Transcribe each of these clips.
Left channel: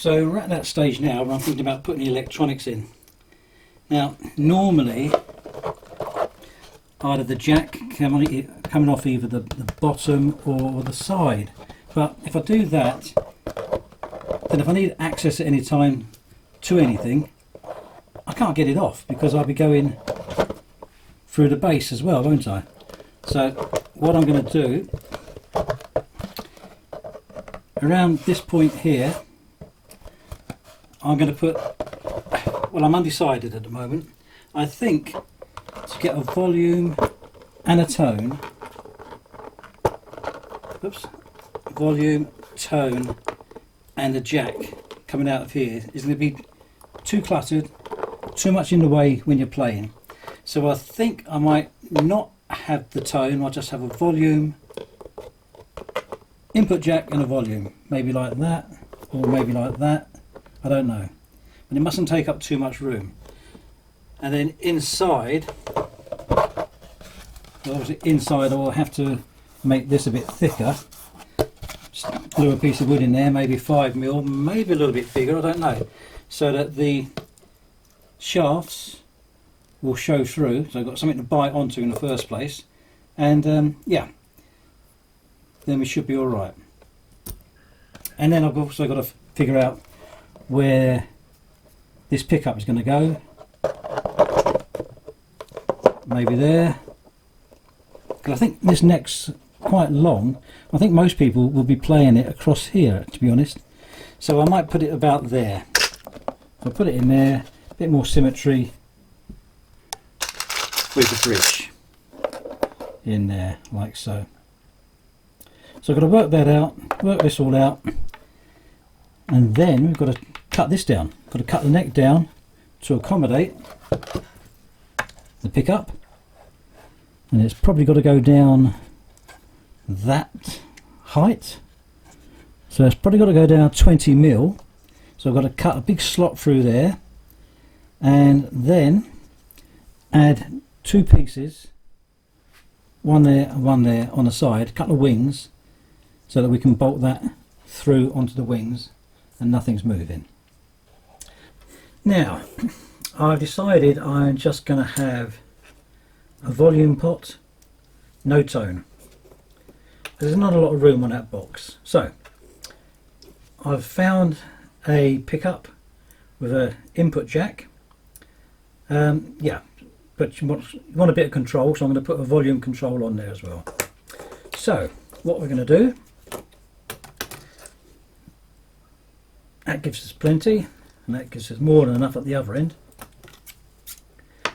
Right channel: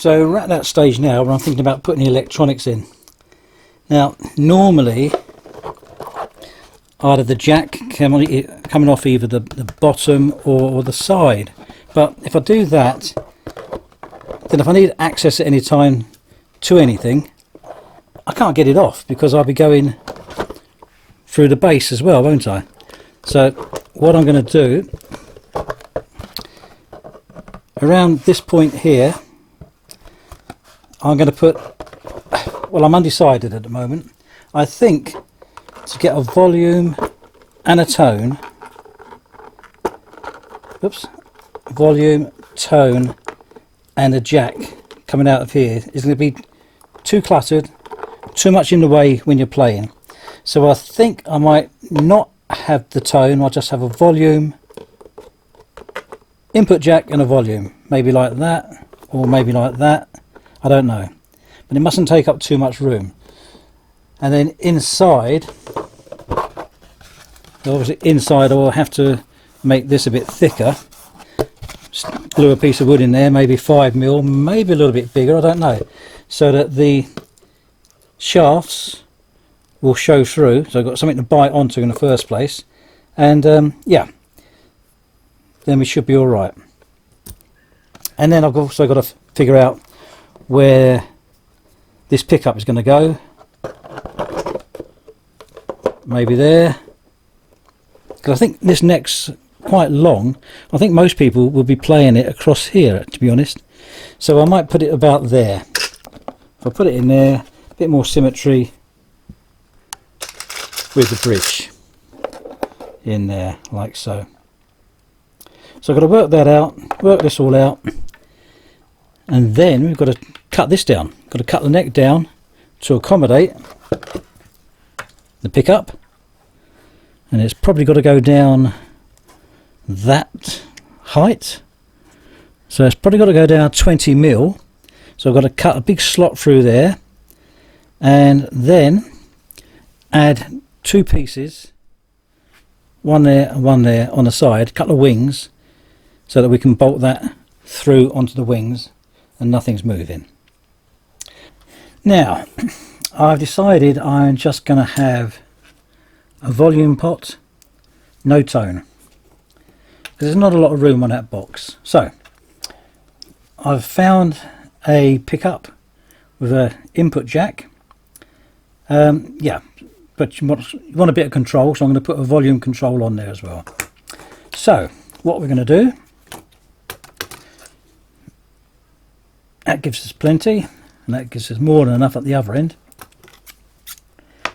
So we're at that stage now where I'm thinking about putting the electronics in. Now, normally, either the jack coming off either the bottom or the side. But if I do that, then if I need access at any time to anything, I can't get it off because I'll be going through the base as well, won't I? So what I'm going to do, around this point here, I'm going to put, well, I'm undecided at the moment. I think to get a volume and a tone, oops, volume, tone and a jack coming out of here is going to be too cluttered, too much in the way when you're playing. So I think I might not have the tone, I'll just have a volume, input jack and a volume, maybe like that or maybe like that, I don't know, but it mustn't take up too much room. And then inside, obviously inside I'll have to make this a bit thicker, just glue a piece of wood in there, maybe 5mm, maybe a little bit bigger, I don't know, so that the shafts will show through, so I've got something to bite onto in the first place, and yeah, then we should be all right. And then I've also got to figure out where this pickup is going to go. Maybe there, because I think this neck's quite long. I think most people will be playing it across here, to be honest, so I might put it about there. If I put it in there, a bit more symmetry with the bridge in there, like so. So I've got to work that out, work this all out, and then we've got to cut this down. Got to cut the neck down to accommodate the pickup, and it's probably got to go down that height. So it's probably got to go down 20mm. So I've got to cut a big slot through there, and then add two pieces, one there and one there on the side, a couple of wings, so that we can bolt that through onto the wings and nothing's moving. Now I've decided I'm just going to have a volume pot, no tone, because there's not a lot of room on that box. So I've found a pickup with an input jack. Yeah, but you want a bit of control, so I'm going to put a volume control on there as well. So what we're going to do, that gives us plenty, and that gives us more than enough at the other end.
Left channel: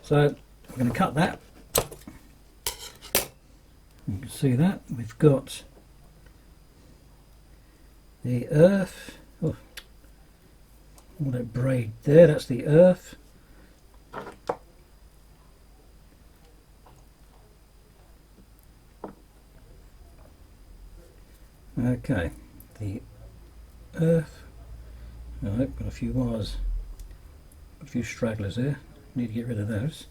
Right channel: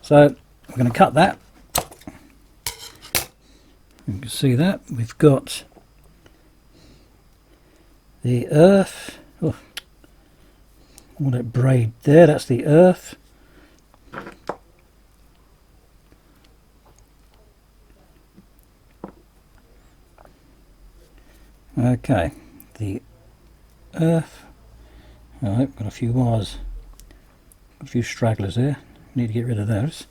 So we're going to cut that. You can see that we've got the earth, oh, all that braid there, that's the earth. Okay, the earth. I've got a few wires, a few stragglers there, need to get rid of those.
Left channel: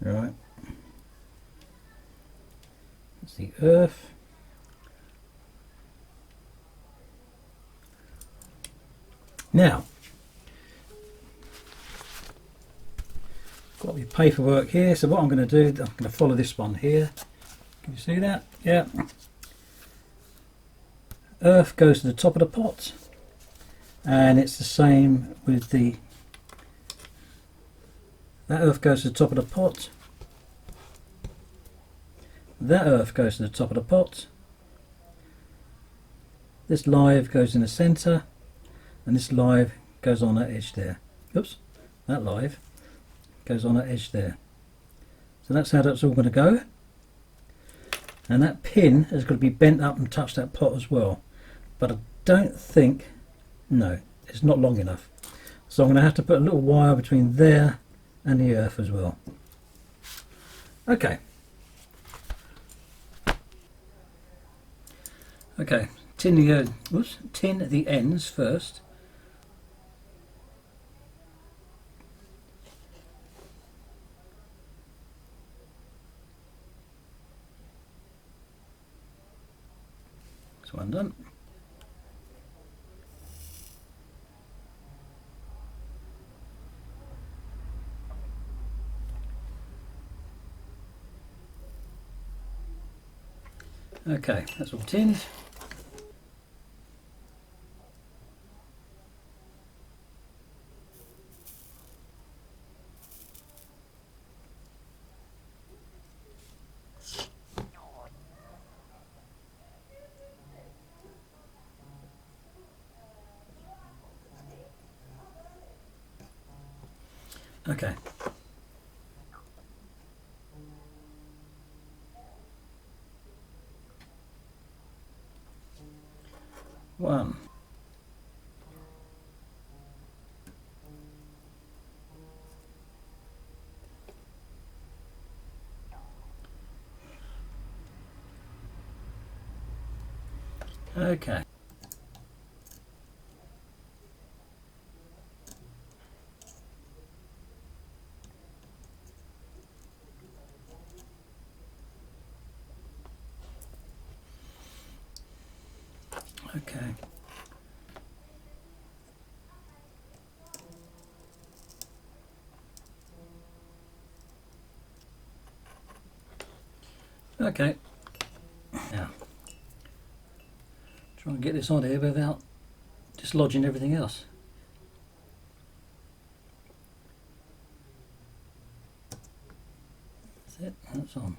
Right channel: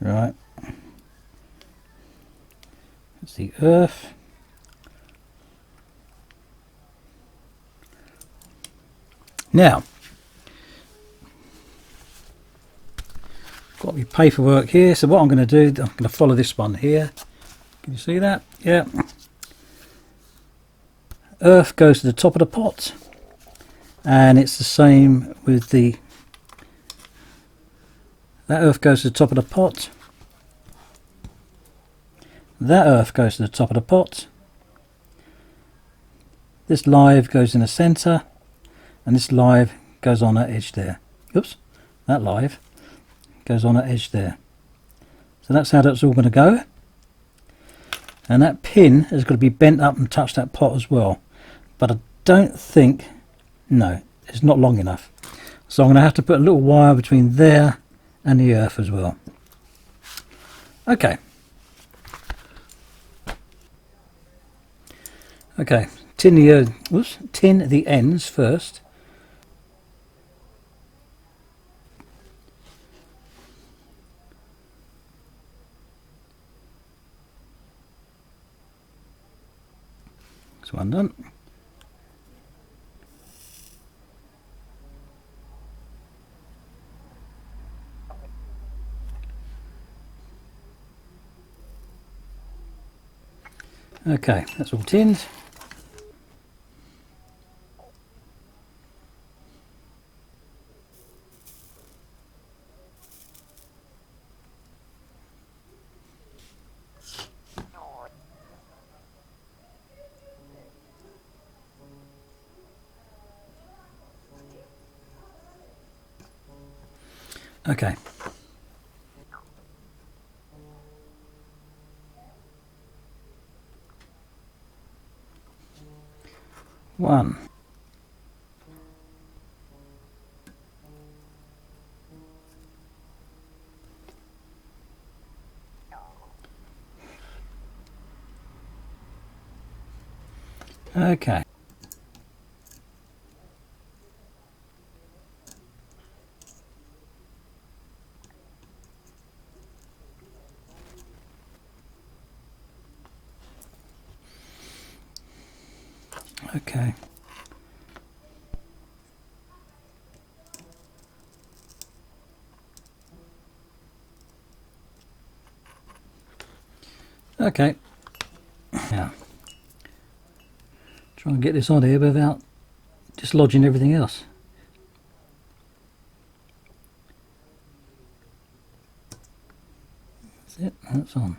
Right, it's the earth. Now, got your paperwork here, so what I'm going to do, I'm going to follow this one here. Can you see that? Yeah. Earth goes to the top of the pot, and it's the same with the, that earth goes to the top of the pot, that earth goes to the top of the pot, this live goes in the centre, and this live goes on that edge there. Oops, that live goes on that edge there. So that's how that's all going to go, and that pin is going to be bent up and touch that pot as well, but I don't think, no, it's not long enough, so I'm going to have to put a little wire between there and the earth as well. Okay, tin the ends first. That's one done. Okay, that's all tinned. Okay. One. Okay. Okay. Okay. Now, try and get this on here without dislodging everything else. That's it, that's on.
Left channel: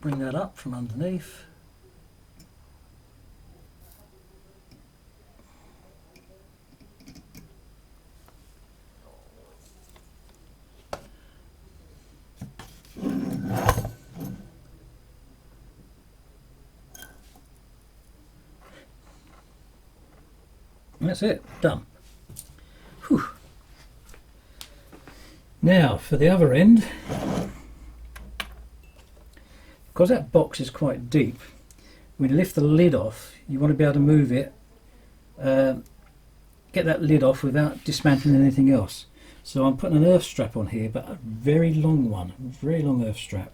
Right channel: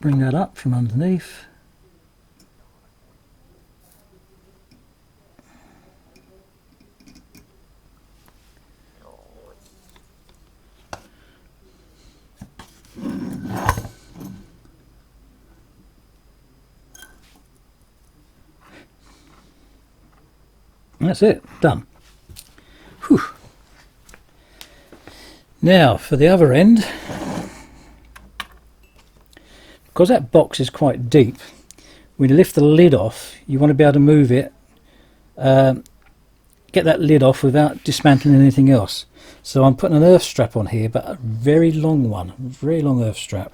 Bring that up from underneath. That's it, done. Whew. Now for the other end, because that box is quite deep, when you lift the lid off, you want to be able to move it, get that lid off without dismantling anything else. So I'm putting an earth strap on here, but a very long one, very long earth strap.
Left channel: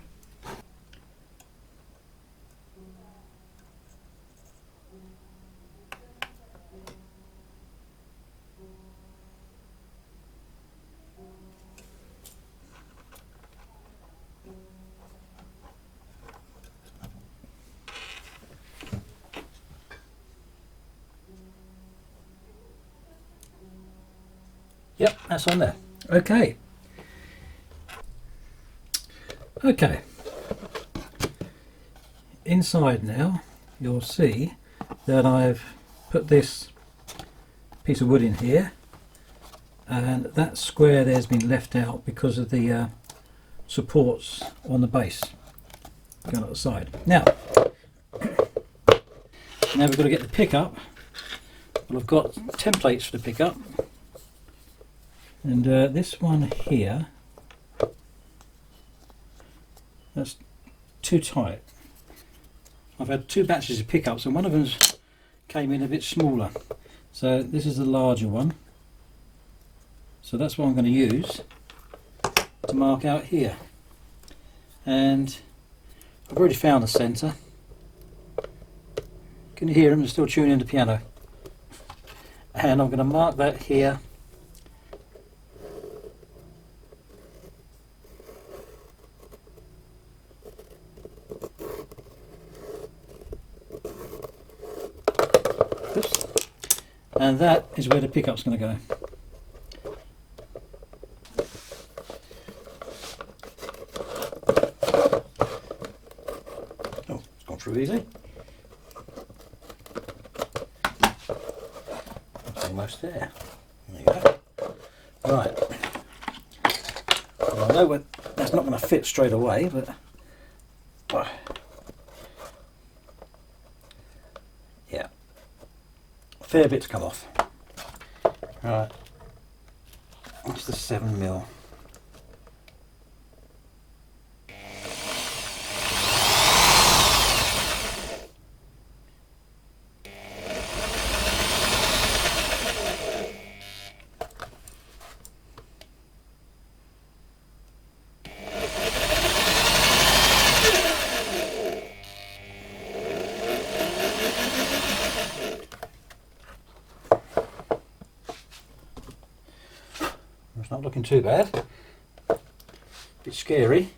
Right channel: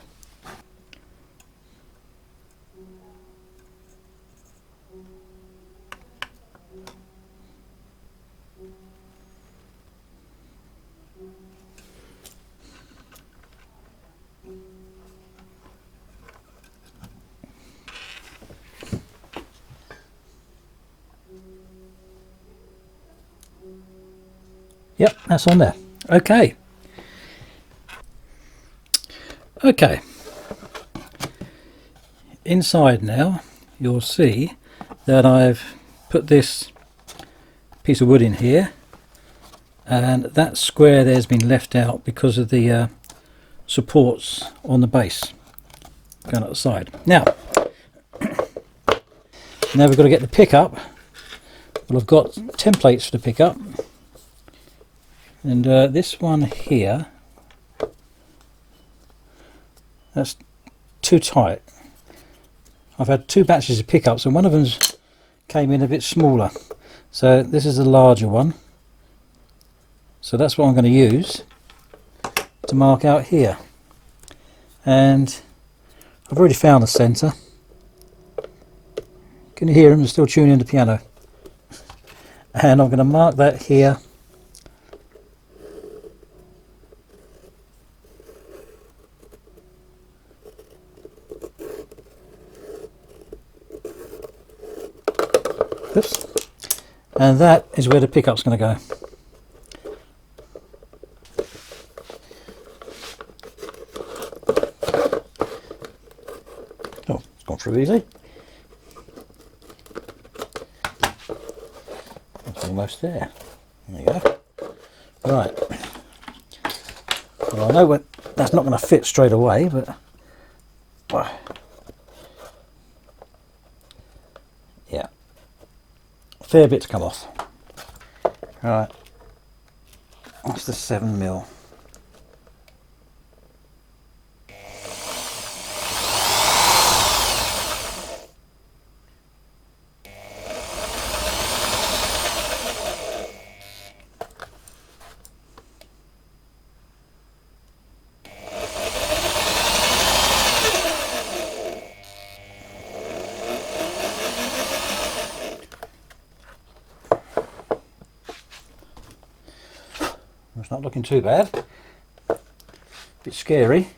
Yep, that's on there. Okay. Okay. Inside now, you'll see that I've put this piece of wood in here, and that square there's been left out because of the supports on the base going out the side. Now we've got to get the pickup. Well, I've got templates for the pickup, and this one here, that's too tight. I've had two batches of pickups and one of them came in a bit smaller, so this is a larger one, so that's what I'm going to use to mark out here. And I've already found the centre. Can you hear him? They're still tuning the piano. And I'm going to mark that here. Oops. And that is where the pickup's going to go. Oh, it's gone through easy. That's almost there. There you go. Right. Well, I know that's not going to fit straight away, but yeah, fair bit to come off. Right, that's the 7mm. It's not looking too bad. Bit scary.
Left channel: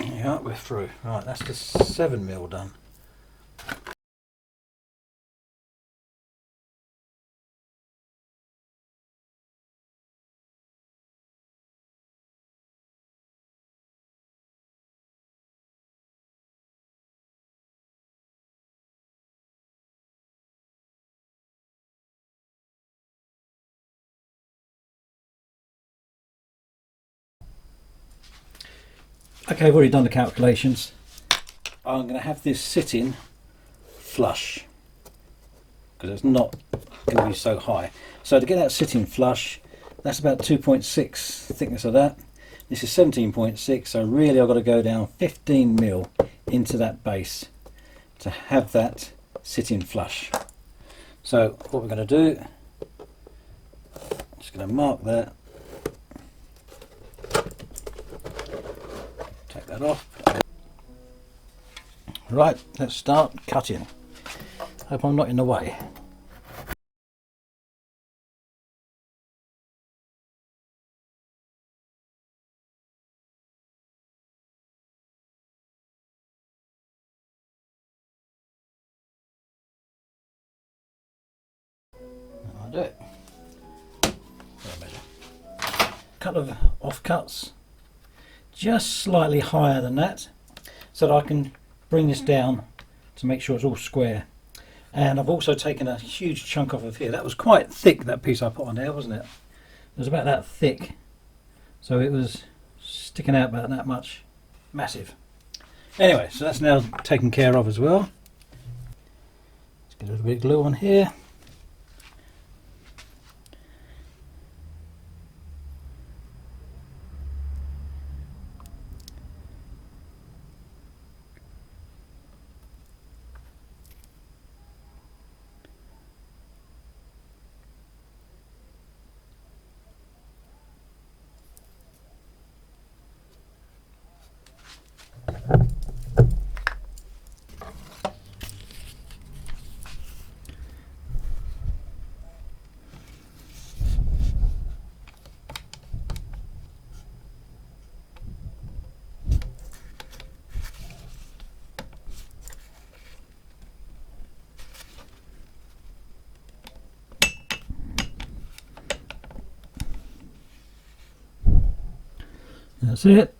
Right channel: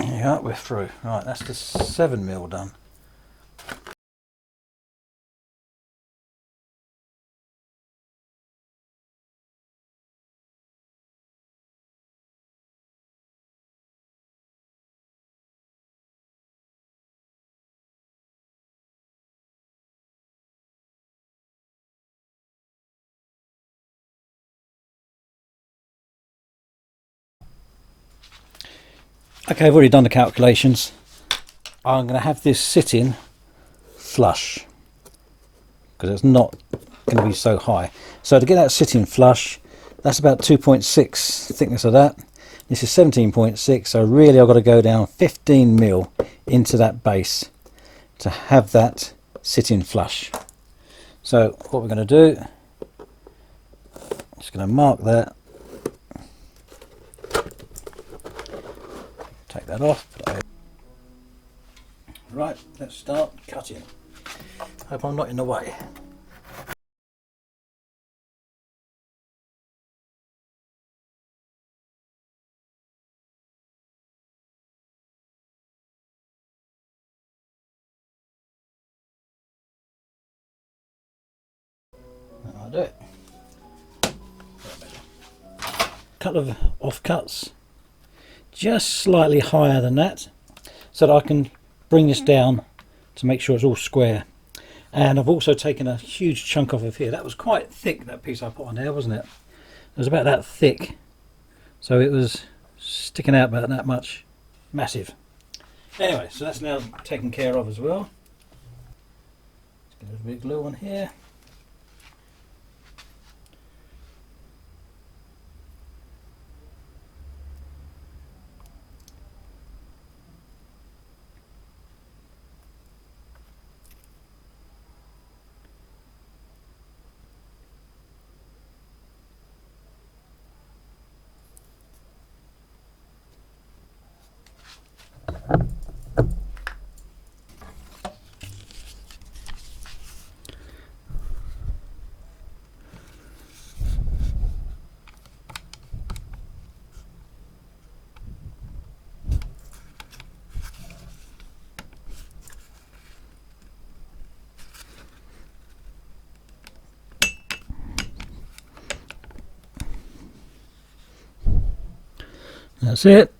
Yeah, we're through. Right, that's the 7mm done. Okay, I've already done the calculations. I'm going to have this sitting flush because it's not going to be so high. So to get that sitting flush, that's about 2.6 thickness of that. This is 17.6, so really I've got to go down 15mm into that base to have that sitting flush. So what we're going to do, just going to mark that, take that off. Right, let's start cutting. Hope I'm not in the way. I'll do it. Couple of offcuts, just slightly higher than that, so that I can bring this down to make sure it's all square. And I've also taken a huge chunk off of here. That was quite thick, that piece I put on there, wasn't it? It was about that thick, so it was sticking out about that much. Massive. Anyway, so that's now taken care of as well. Let's get a little bit of glue on here. That's it.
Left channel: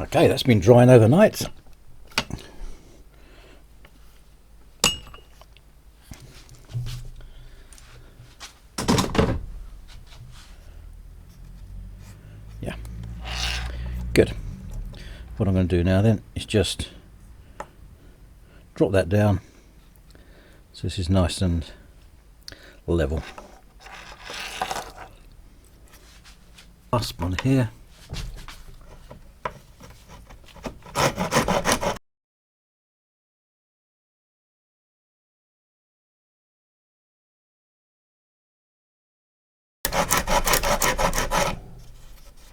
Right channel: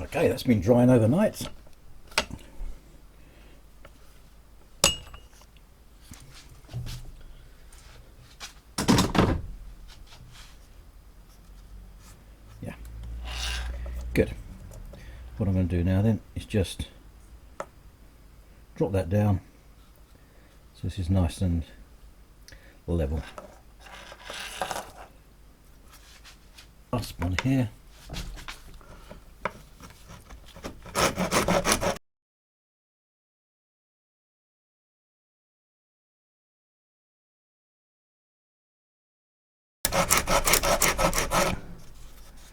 Okay, that's been drying overnight. Yeah, good. What I'm going to do now then is just drop that down so this is nice and level. Clasp on here.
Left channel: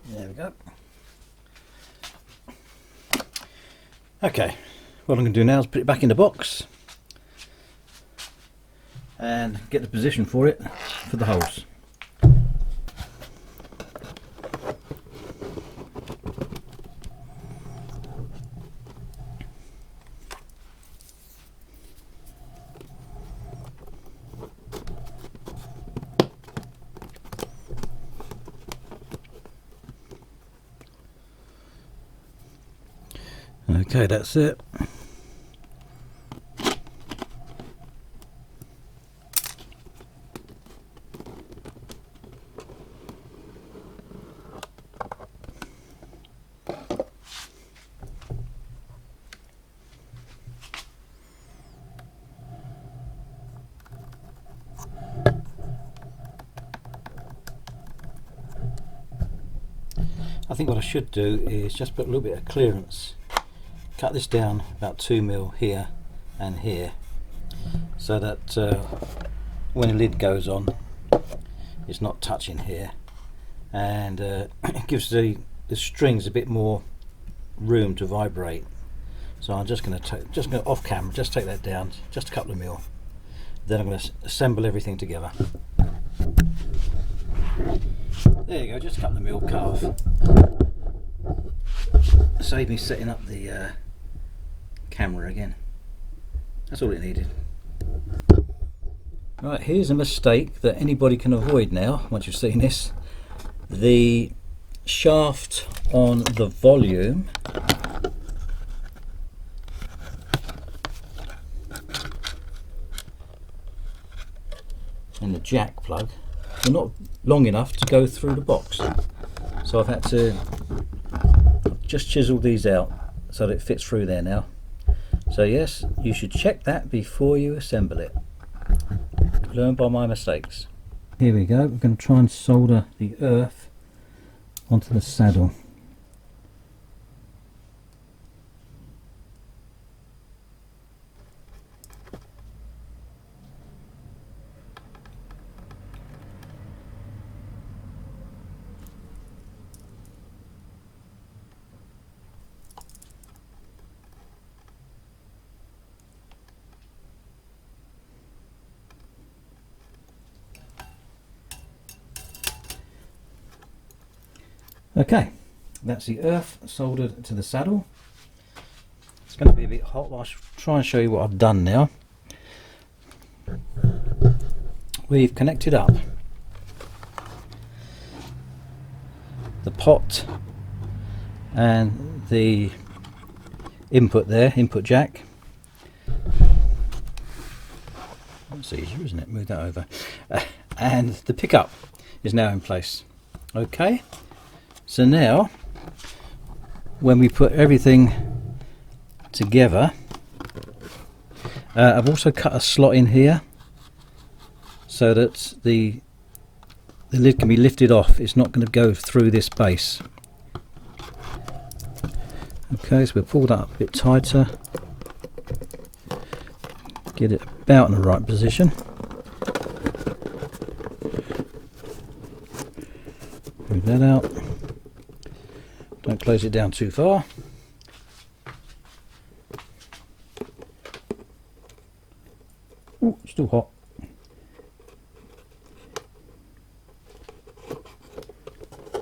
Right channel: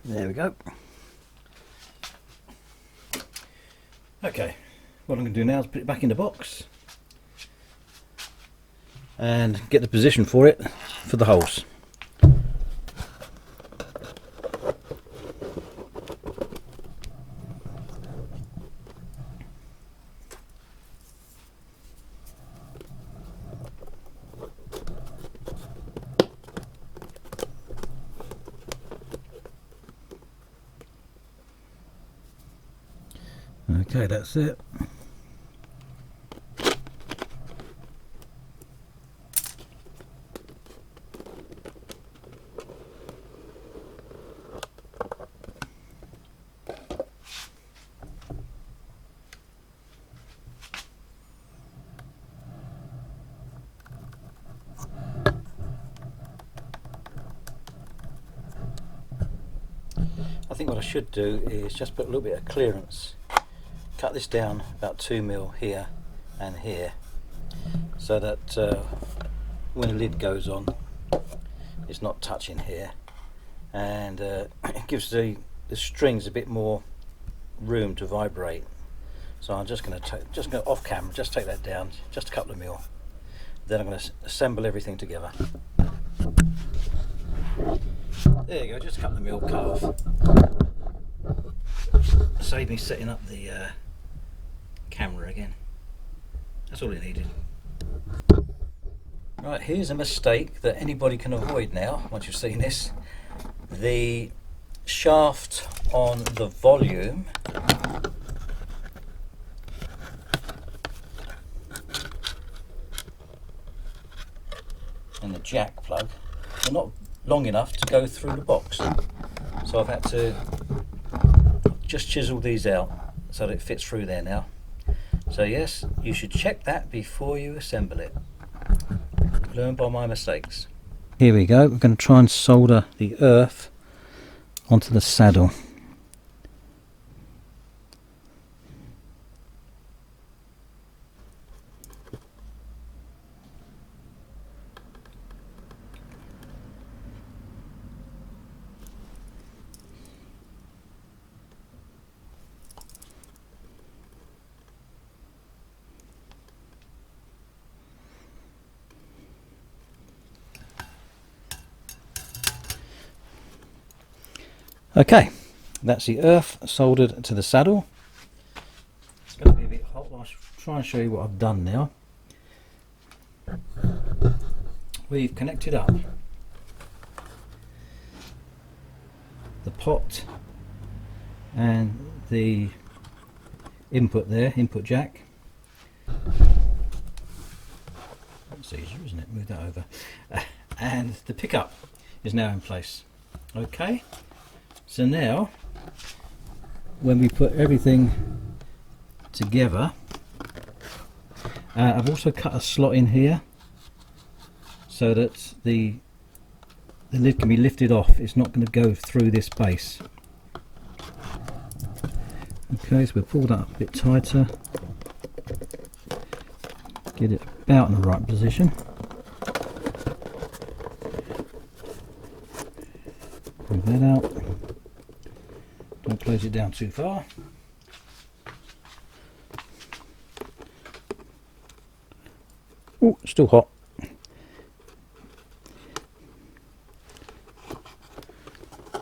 There we go. Okay, what I'm going to do now is put it back in the box and get the position for it for the holes. Okay, that's it. I think what I should do is just put a little bit of clearance, cut this down about 2mm here and here, so that when the lid goes on it's not touching here, and it gives the strings a bit more room to vibrate. So I'm just going to off camera, just take that down, just a couple of mil. Then I'm going to assemble everything together. There you go, just a couple of mil cut off. Save me setting up the camera again. That's all it needed. Right, here's a mistake that anybody can avoid now once you've seen this. The shaft on the volume and the jack plug are not long enough to go through the box, so I've just chiseled these out so that it fits through there now. So yes, you should check that before you assemble it. Learn by my mistakes. Here we go, we're going to try and solder the earth onto the saddle. Okay, that's the earth soldered to the saddle. It's going to be a bit hot. I'll try and show you what I've done now. We've connected up the pot and the input there, input jack. That's easier, isn't it? Move that over. And the pickup is now in place. Okay. So now, when we put everything together, I've also cut a slot in here so that the lid can be lifted off. It's not going to go through this base. Okay, so we'll pull that up a bit tighter, get it about in the right position. Bring that out. Don't close it down too far. Ooh, still hot.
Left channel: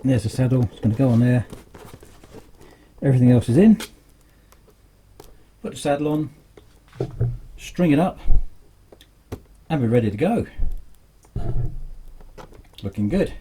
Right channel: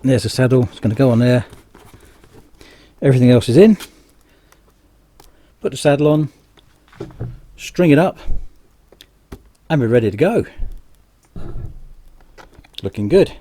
There's the saddle, it's going to go on there. Everything else is in. Put the saddle on, string it up, and we're ready to go. Looking good.